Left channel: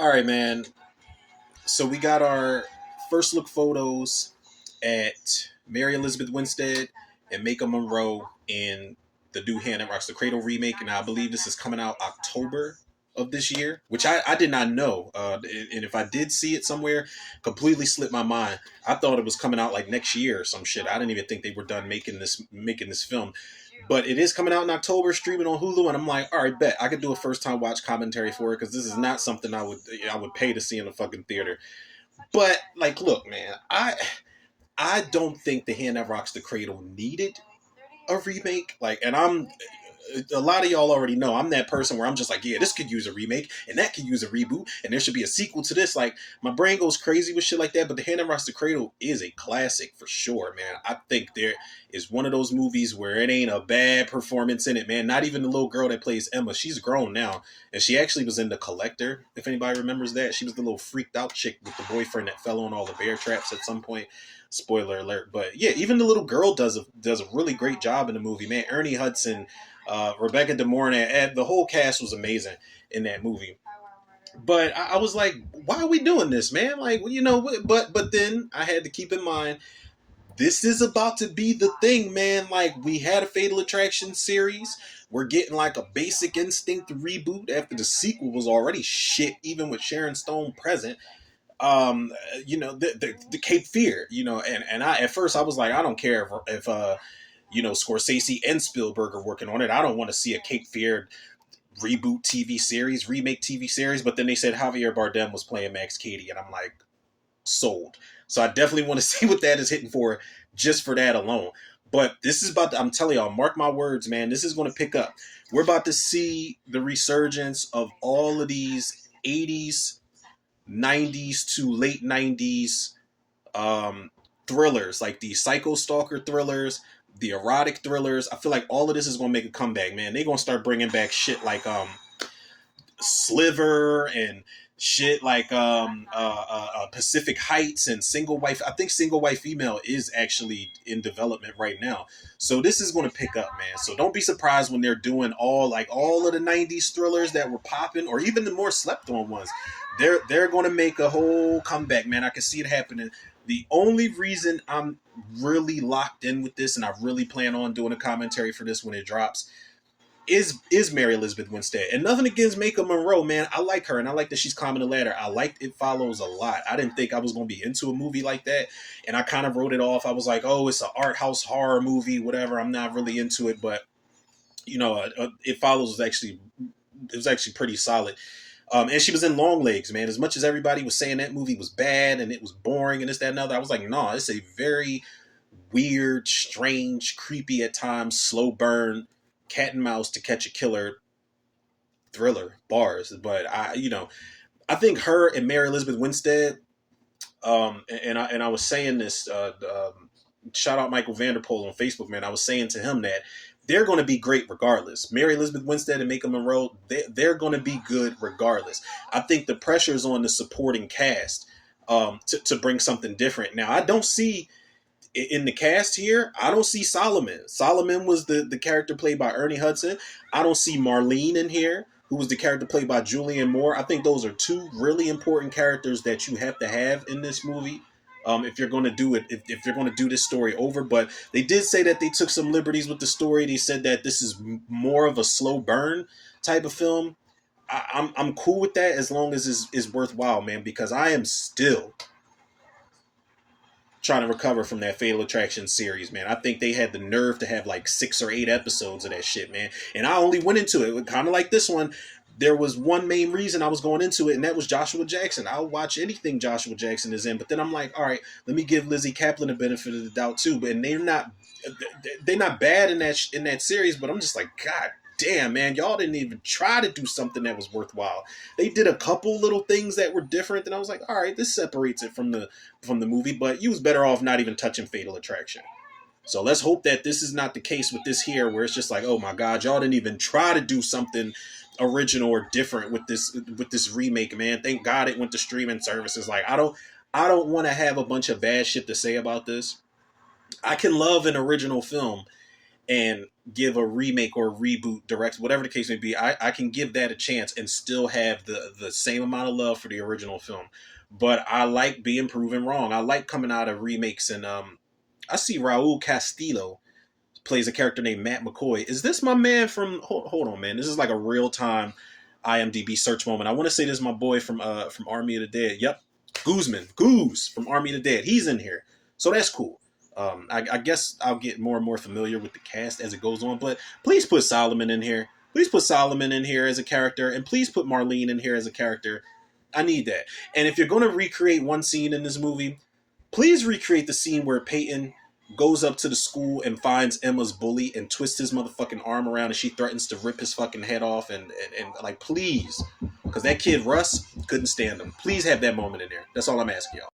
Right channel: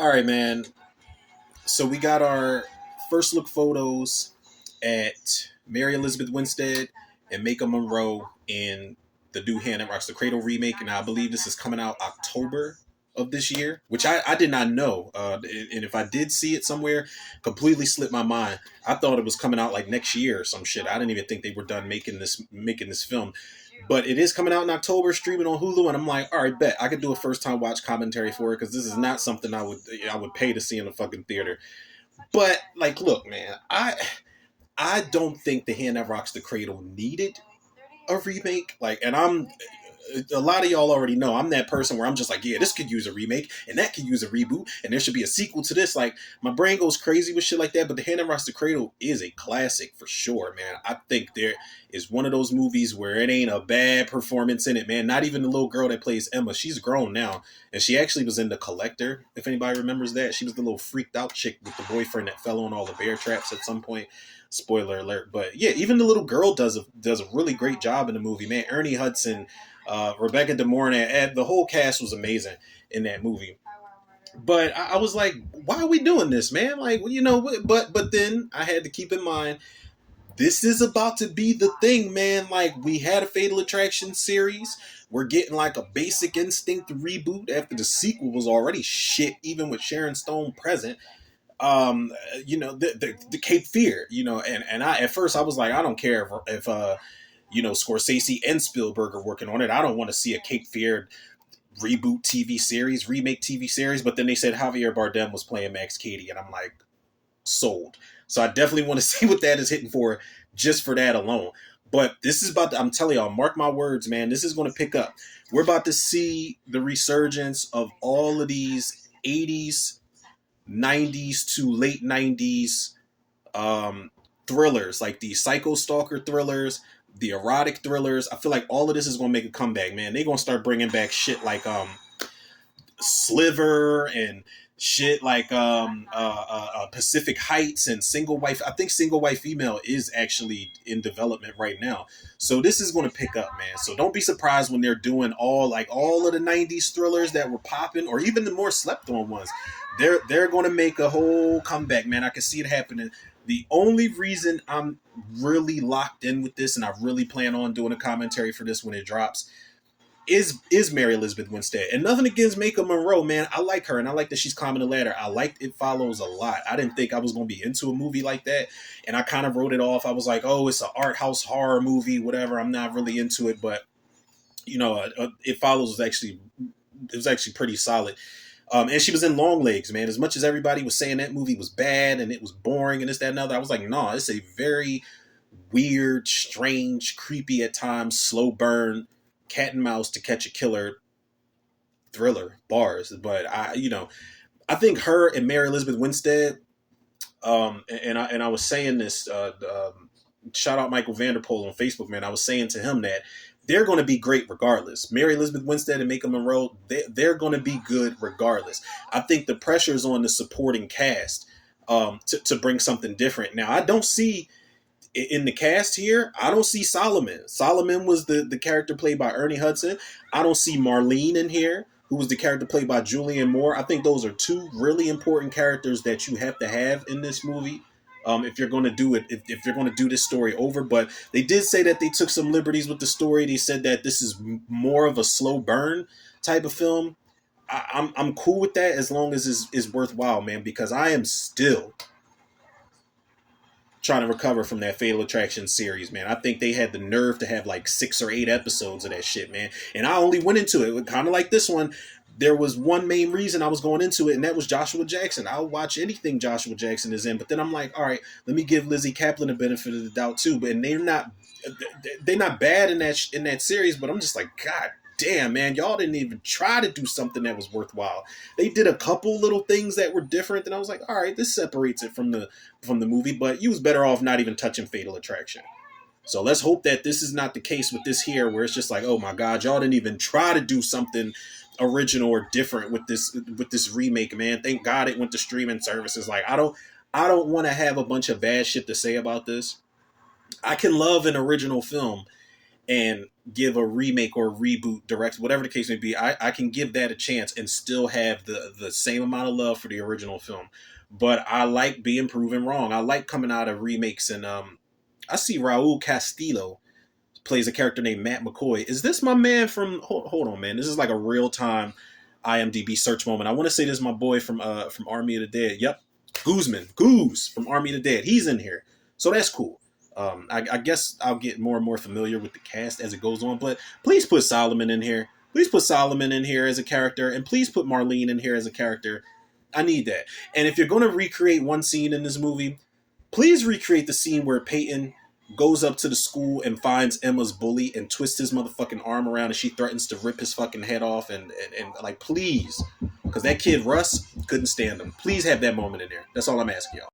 All right, man. So we got our first look photos at Mary Elizabeth Winstead and Maika Monroe in the new Hand That Rocks the Cradle remake, and I believe this is coming out October of this year, which I did not know. And if I did see it somewhere, completely slipped my mind. I thought it was coming out like next year or some shit. I didn't even think they were done making this film. But it is coming out in October, streaming on Hulu, and I'm like, all right, bet I could do a first time watch commentary for it because this is not something I would pay to see in a fucking theater. But like, look, man, I don't think the Hand That Rocks the Cradle needed a remake. Like, and a lot of y'all already know I'm that person where I'm just like, yeah, this could use a remake and that could use a reboot and there should be a sequel to this. Like, my brain goes crazy with shit like that. But The Hand That Rocks the Cradle is a classic for sure, man. I think there is one of those movies where it ain't a bad performance in it, man. Not even the little girl that plays Emma. She's grown now, and she actually was in The Collector. If anybody remembers that, she was the little freaked out chick with the boyfriend that fell on all the bear traps at some point. Spoiler alert. But yeah, even the little girl does a really great job in the movie, man. Ernie Hudson, Rebecca De Mornay, and the whole cast was amazing in that movie. But I was like, why are we doing this, man? Like, but then I had to keep in mind this is about to be the thing, man. Like, we had a Fatal Attraction series. We're getting like a Basic Instinct reboot after the sequel was already shit, even with Sharon Stone present. The Cape Fear, and I at first I was like, I don't care if Scorsese and Spielberg are working on it. I don't want to see a Cape Fear reboot TV series, remake TV series. But then they said Javier Bardem was playing Max Cady, and I'm like, sold. So I definitely want to see what that is hitting for, just for that alone. But this is I'm telling y'all, mark my words, man, this is going to pick up. We're about to see the resurgence of all of these 80s, 90s to late 90s thrillers, like the psycho stalker thrillers, the erotic thrillers. I feel like all of this is going to make a comeback, man. They're going to start bringing back shit like Sliver and shit like Pacific Heights and Single Wife. I think Single Wife Female is actually in development right now. So this is going to pick up, man. So don't be surprised when they're doing all of the 90s thrillers that were popping, or even the more slept on ones. They're going to make a whole comeback, man. I can see it happening. The only reason I'm really locked in with this, and I really plan on doing a commentary for this when it drops, is Mary Elizabeth Winstead. And nothing against Maika Monroe, man. I like her, and I like that she's climbing the ladder. I liked It Follows a lot. I didn't think I was going to be into a movie like that, and I kind of wrote it off. I was like, oh, it's an art house horror movie, whatever. I'm not really into it, but It Follows was actually pretty solid. And she was in Long Legs, man. As much as everybody was saying that movie was bad and it was boring and this, that, and other, I was like, nah, it's a very weird, strange, creepy at times, slow burn, cat and mouse to catch a killer thriller bars. But I think her and Mary Elizabeth Winstead, and I was saying this, shout out Michael Vanderpool on Facebook, man. I was saying to him that they're going to be great regardless. Mary Elizabeth Winstead and Maika Monroe, they're going to be good regardless. I think the pressure is on the supporting cast to bring something different. Now, I don't see in the cast here, I don't see Solomon. Solomon was the character played by Ernie Hudson. I don't see Marlene in here, who was the character played by Julianne Moore. I think those are two really important characters that you have to have in this movie. If you're going to do it, if you're going to do this story over. But they did say that they took some liberties with the story. They said that this is more of a slow burn type of film. I'm cool with that as long as it's worthwhile, man, because I am still trying to recover from that Fatal Attraction series, man. I think they had the nerve to have like 6 or 8 episodes of that shit, man. And I only went into it kind of like this one. There was one main reason I was going into it, and that was Joshua Jackson. I'll watch anything Joshua Jackson is in, but then I'm like, all right, let me give Lizzie Kaplan the benefit of the doubt too. But they're not bad in that series, but I'm just like, God damn, man, y'all didn't even try to do something that was worthwhile. They did a couple little things that were different, and I was like, all right, this separates it from the movie, but you was better off not even touching Fatal Attraction. So let's hope that this is not the case with this here, where it's just like, oh my God, y'all didn't even try to do something original or different with this remake, man. Thank God it went to streaming services. Like, I don't want to have a bunch of bad shit to say about this. I can love an original film and give a remake or a reboot, direct, whatever the case may be. I can give that a chance and still have the same amount of love for the original film. But I like being proven wrong. I like coming out of remakes, and I see Raul Castillo plays a character named Matt McCoy. Is this my man from? Hold on, man. This is like a real time IMDb search moment. I want to say this is my boy from Army of the Dead. Yep, Goose from Army of the Dead. He's in here, so that's cool. I guess I'll get more and more familiar with the cast as it goes on. But please put Solomon in here. Please put Solomon in here as a character, and please put Marlene in here as a character. I need that. And if you're going to recreate one scene in this movie, please recreate the scene where Peyton goes up to the school and finds Emma's bully and twists his motherfucking arm around and she threatens to rip his fucking head off and like, please. Because that kid, Russ, couldn't stand him. Please have that moment in there. That's all I'm asking y'all.